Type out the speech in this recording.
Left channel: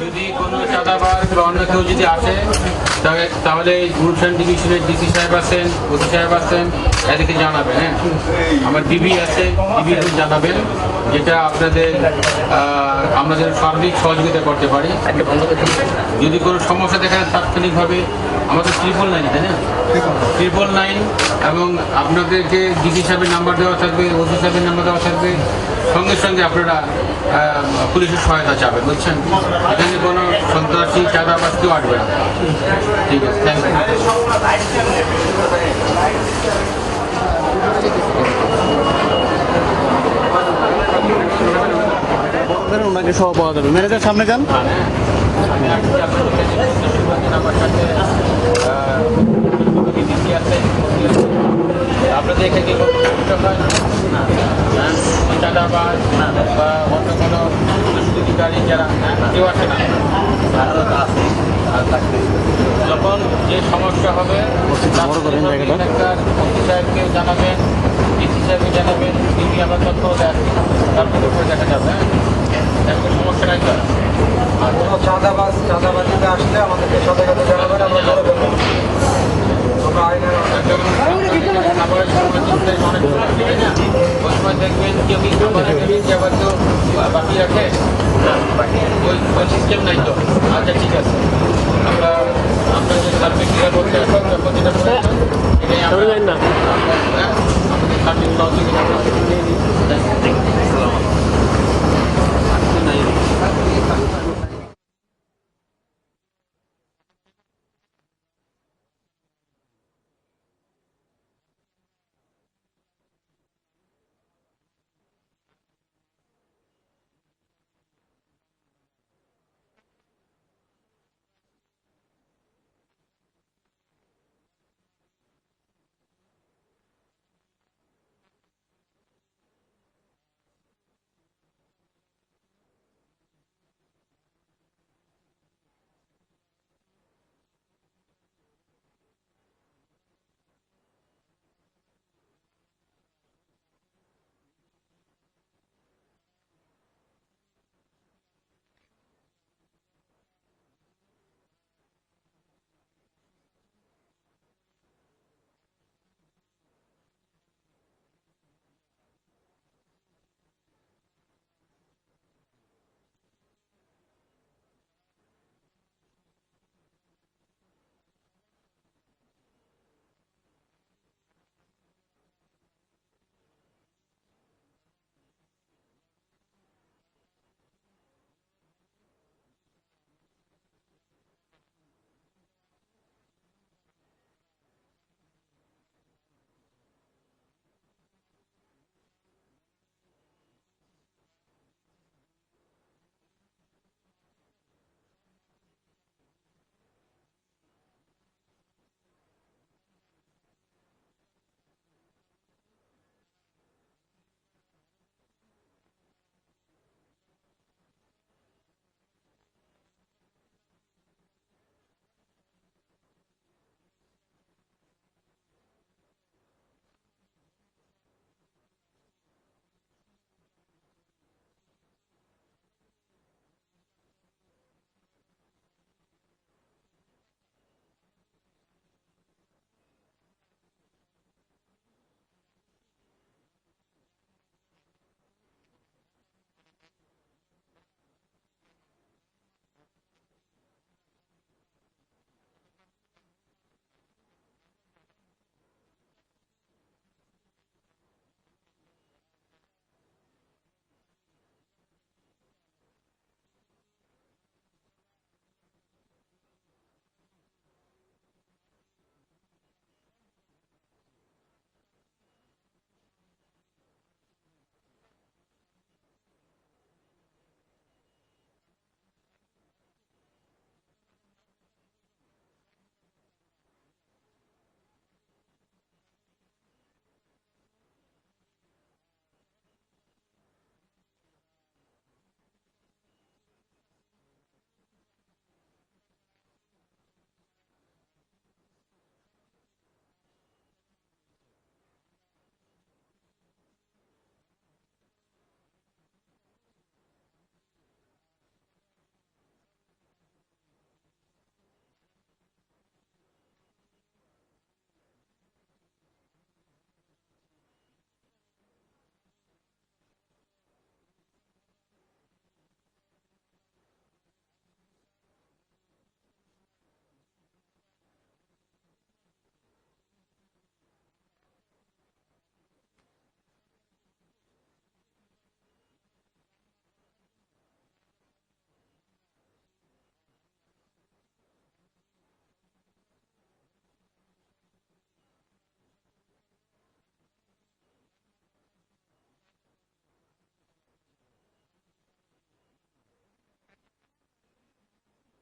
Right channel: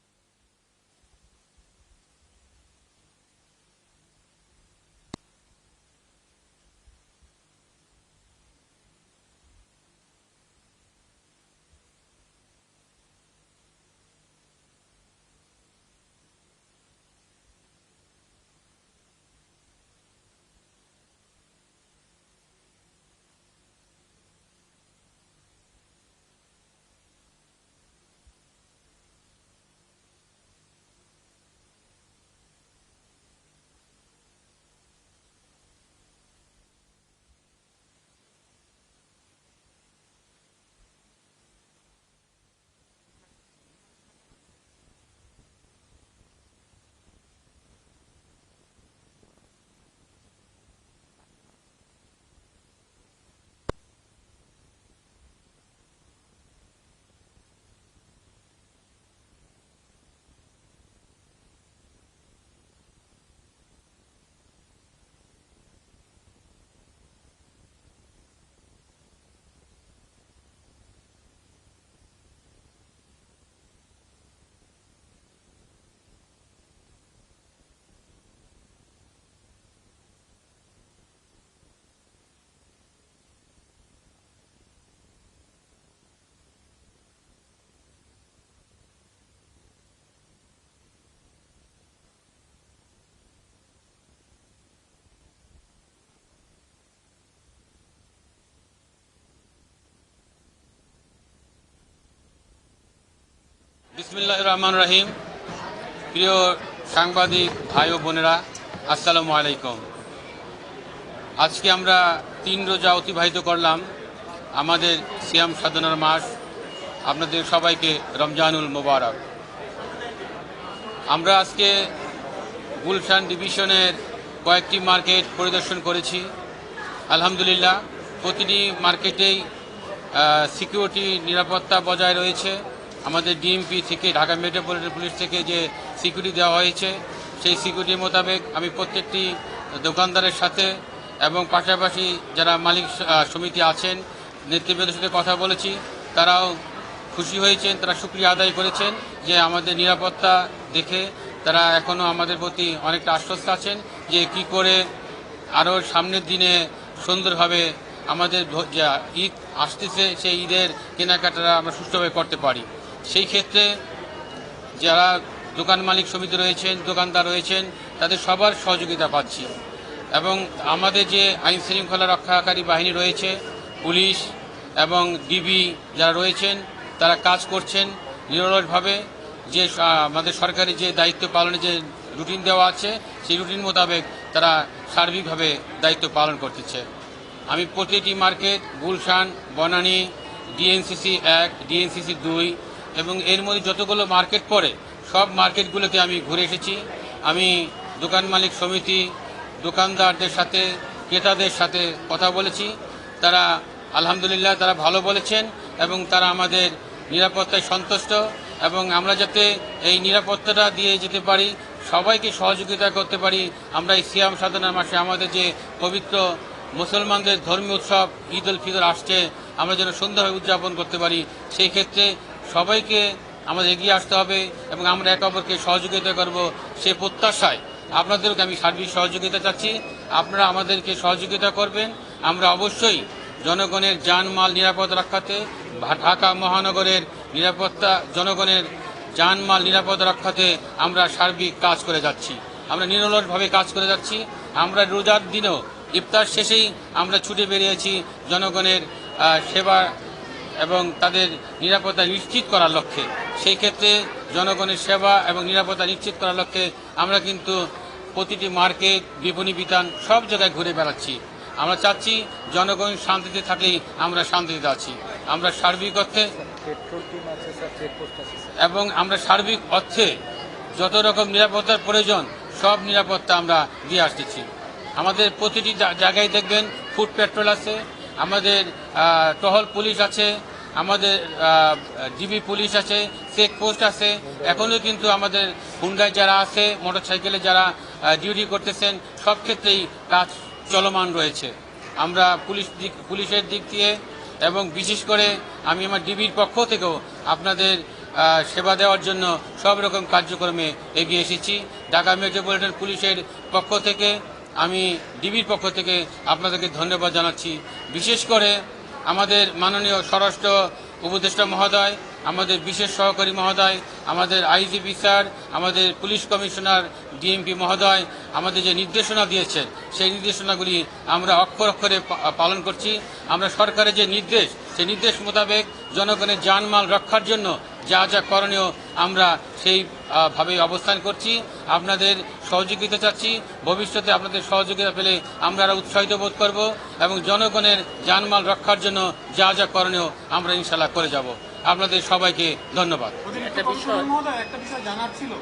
যদি কোনো চাঁদাবাজ বা অন্য কেউ যদি আসে তাহলে- গুলশান ডিভিশনের ডিসি সাহেব আছেন ওসি সাহেব আছেন, এদেরকে জানাবেন হ্যাঁ? আমার ডিবি আছে ডিবি জানাবেন, যেটা আপনাদের আহ, আমাদের সার্বিক সহযোগিতা করতে পারি। যদি কোনো সমস্যা দেখা তাৎক্ষণিকভাবে আমাদের ট্রিপল নাইন তাই না? ট্রিপল নাইন এবং আপনাদেরকে ডিসি সাহেবের নাম্বার দেওয়া থাকবে ওসি সাহেবের নাম্বার দেওয়া থাকবে। সঙ্গে সঙ্গে আপনারা পুলিশের সহায়তা চাবেন বুঝছেন? এখানে কোনো সন্ত্রাসী চাঁদাবাজ কেউ আসবে না। ঠিক আছে থ্যাংক ইউ বলেন, সহ পাওয়া যাবে ম্যানেজার সামনে যান আপনাদের। এখানে হয়? হ্যাঁ? চাঁদাবাজ বা অন্য কোনো দুষ্কৃতিকারী যারা হ্যাঁ, কেউ আসে না যখন যে সমস্যা হবে। মন্ত্রী সাহেবকে জানাবেন ডিসি সাহেবকে জানাবেন তিনি আবার তথ্য দেন তারপরে দেখা যাবে আর কোনো চাঁদাবাজ চাঁদাবাজিতে আসলে আমাদেরকে সাথে সাথে জানাবেন আমরা ধরে ফেলব আমরা আইনের দেখবেন কেউ আবার কেউ বাকি রাখে ওই সিস্টেম নাই তো আচ্ছা ঠিক আছে আমরা আমরা যে সার্ভিস ক্রিয়া করতে আসলাম যখন যেটা প্রয়োজন, এটাই আমরা হ্যাঁ, আমাদের সার্ভিস সহযোগিতা আমরা নিয়ে নিই। আল্লাহ রহমান রহিম, প্রিয় সাংবাদিক ভাই ও বোনেরা, আসসালামু আলাইকুম। আজকে আমরা তিন রোজা অতিবাহিত করলাম, আমাদের সিয়াম সাধনার মাস। আপনাদের সবাইকে রমজানুল মোবারক। আমরা আজকে গুলশান ডিভিশনের কয়েকটি মার্কেট পরিদর্শন করেছি। আলহামদুলিল্লাহ, প্রতিটি মার্কেটেই সিকিউরিটি নিরাপত্তা বজায় রয়েছে। আমাদের ডিএমপি থেকে, ঢাকা মেট্রোপলিটন পুলিশ থেকে যে সিকিউরিটি দেওয়া হয়েছে, সেই সিকিউরিটি মোতাবেক আমি প্রত্যেকটি দোকানদারের সাথে এবং পাশাপাশি যারা মালিক সমিতি আছেন, নেতৃবৃন্দের সাথে কথা বলেছি, তারাও খুশি হয়েছেন, তারা সুক্রিয়া আদায় করেছেন যে আমাদের নিরাপত্তা দেখে তারা এখনও আমাদের প্রতি অনেকটা আশ্বস্ত আছেন যে কি করে আরও সামনের দিনে সুন্দরভাবে আমাদের ঈদ আসতেছে, সেই ঈদের কেনাকাটা আমরা সুষ্ঠুভাবে করতে পারি। সেই ক্ষেত্রে যারা দোকান মালিক সমিতি রয়েছেন, দোকানদার রয়েছেন, তাদের সবার সহযোগিতা পাচ্ছি। এবং আমাদের যে আইন শৃঙ্খলা রক্ষাকারী বাহিনী রয়েছে, পুলিশ এবং ডিবি যারা রয়েছেন, তারা কাজ করছেন নিরলসভাবে। যে আমাদের সরকারি যে দায়িত্ব পালনের যে রুটিন দেওয়া আছে, সেই রুটিন মোতাবেক তারা সার্বিকভাবে দায়িত্ব পালন করতেছে। আমি প্রতিটি মার্কেট, গুলশান, বনানী, ডিএনসিসি এক, ডিএনসিসি দুই এবং এর মধ্যে যতগুলো মার্কেট পড়ে, সব মার্কেটগুলোতে আমি ঘুরে এসেছি। আমি দোকান মালিক সমিতি, দোকানদারদের সাথে, ক্রেতাদের সাথে কথা বলেছি। তারা আলহামদুলিল্লাহ তারা ভালো বলেছেন এবং তারা আমাদের নিরাপত্তায় সন্তুষ্ট এবং আমরা যাতে এই নিরাপত্তাটা দিয়ে যেতে পারি, সবাইকে সহযোগিতা করতে পারি, আমরা এই সিয়াম সাধনার মাসে আমাদের যে পবিত্র মুসলমানদের ধর্মীয় উৎসব ঈদ উল ফিতর আসছে, আমরা যেন সুন্দরভাবে উদযাপন করতে পারি, সেই ক্ষেত্রে সবাইকে আমাদের এগিয়ে আসতে হবে এবং আমরা একে অপরকে সহযোগিতা করব সে প্রত্যাশায়। আপনাদেরকে আমি সার্বিক সহযোগিতা চাচ্ছি। আপনারা আমাদেরকে সহযোগিতা করবেন। আমরা অবশ্যই জনগণের জানমাল নিরাপদ ভা- ঢাকা মহানগরের নিরাপত্তা, জনগণের জানমাল নিরাপদ রক্ষাতে আমরা সার্বিক কাজ করে যাচ্ছি। আমরা নিরলসভাবে কাজ করে যাচ্ছি। আমরা রোজার দিনেও, ইফতার শেষেই আমরা ছুটে বেরিয়েছি জনগণের সেবা এবং তাদের নিরাপত্তা নিশ্চিত করার লক্ষ্যে। সেই ক্ষেত্রে জনগণের সেবা এবং নিরাপত্তা নিশ্চিত করার লক্ষ্যে আমরা কিন্তু প্রতিটি মার্কেট, বিপণী বিতান সব জায়গায় ঘুরে বেড়াচ্ছি। আমরা চাচ্ছি জনগণ শান্তিতে থাকলেই আমরা শান্তিতে আছি। আমরা সার্বিক অর্থে এবং আমরা সার্বিক অর্থে যত রকম নিরাপত্তার প্রয়োজন, সব নিরাপত্তা আমরা দিয়ে আসতেছি। আমাদের প্রতিটি জায়গায় দেখবেন ফুড পেট্রোল আছে, আমাদের টহল পুলিশ আছে আমাদের ডিবি পুলিশ আছে, চেক পোস্ট আছে এখনও কিন্তু আমাদের হুন্ডায় যারা আছে, মোটরসাইকেলে যারা ডিউটি করতেছেন, সব ক্ষেত্রেই কাজ চলমান রয়েছে। আমরা পুলিশ দিক, পুলিশের দিক দিয়ে এবং বিশেষ করে আমি আমার ডিবির পক্ষ থেকেও আপনাদের সেবা দেওয়ার জন্য সব রকম কার্যক্রমে এগিয়ে এসেছি। ঢাকা মেট্রোপলিটন পুলিশের পক্ষ থেকে আমি, ডিবির পক্ষ থেকে আপনাদেরকে ধন্যবাদ জানাচ্ছি। বিশেষ করে আমাদের মাননীয় স্বরাষ্ট্র উপদেষ্টা মহোদয় আমাদের বিশেষ সহকারী মহোদয়, আমাদের আইজিপি স্যার, আমাদের পুলিশ কমিশনার ডিএমপি মহোদয় আমাদের যে নির্দেশনা দিয়েছেন, সেই নির্দেশনাগুলি আমরা অক্ষর অক্ষরে পালন করছি। আমরা সরকারের যে নির্দেশ, সেই নির্দেশ মোতাবেক জনগণের জানমাল রক্ষার জন্য যা যা করণীয় আমরা সেই ভাবে অবস্থান করছি। আপনাদের সহযোগিতা চাচ্ছি। ভবিষ্যতে আপনাদের সহযোগিতা পেলে আমরা আরও উৎসাহিত বোধ করব এবং জনগণের জানমাল রক্ষার জন্য যা যা করণীয় আমরা ইনশাল্লাহ করে যাব। আপনাদের সবাইকে ধন্যবাদ। একটা বিষয় জানার ছিল।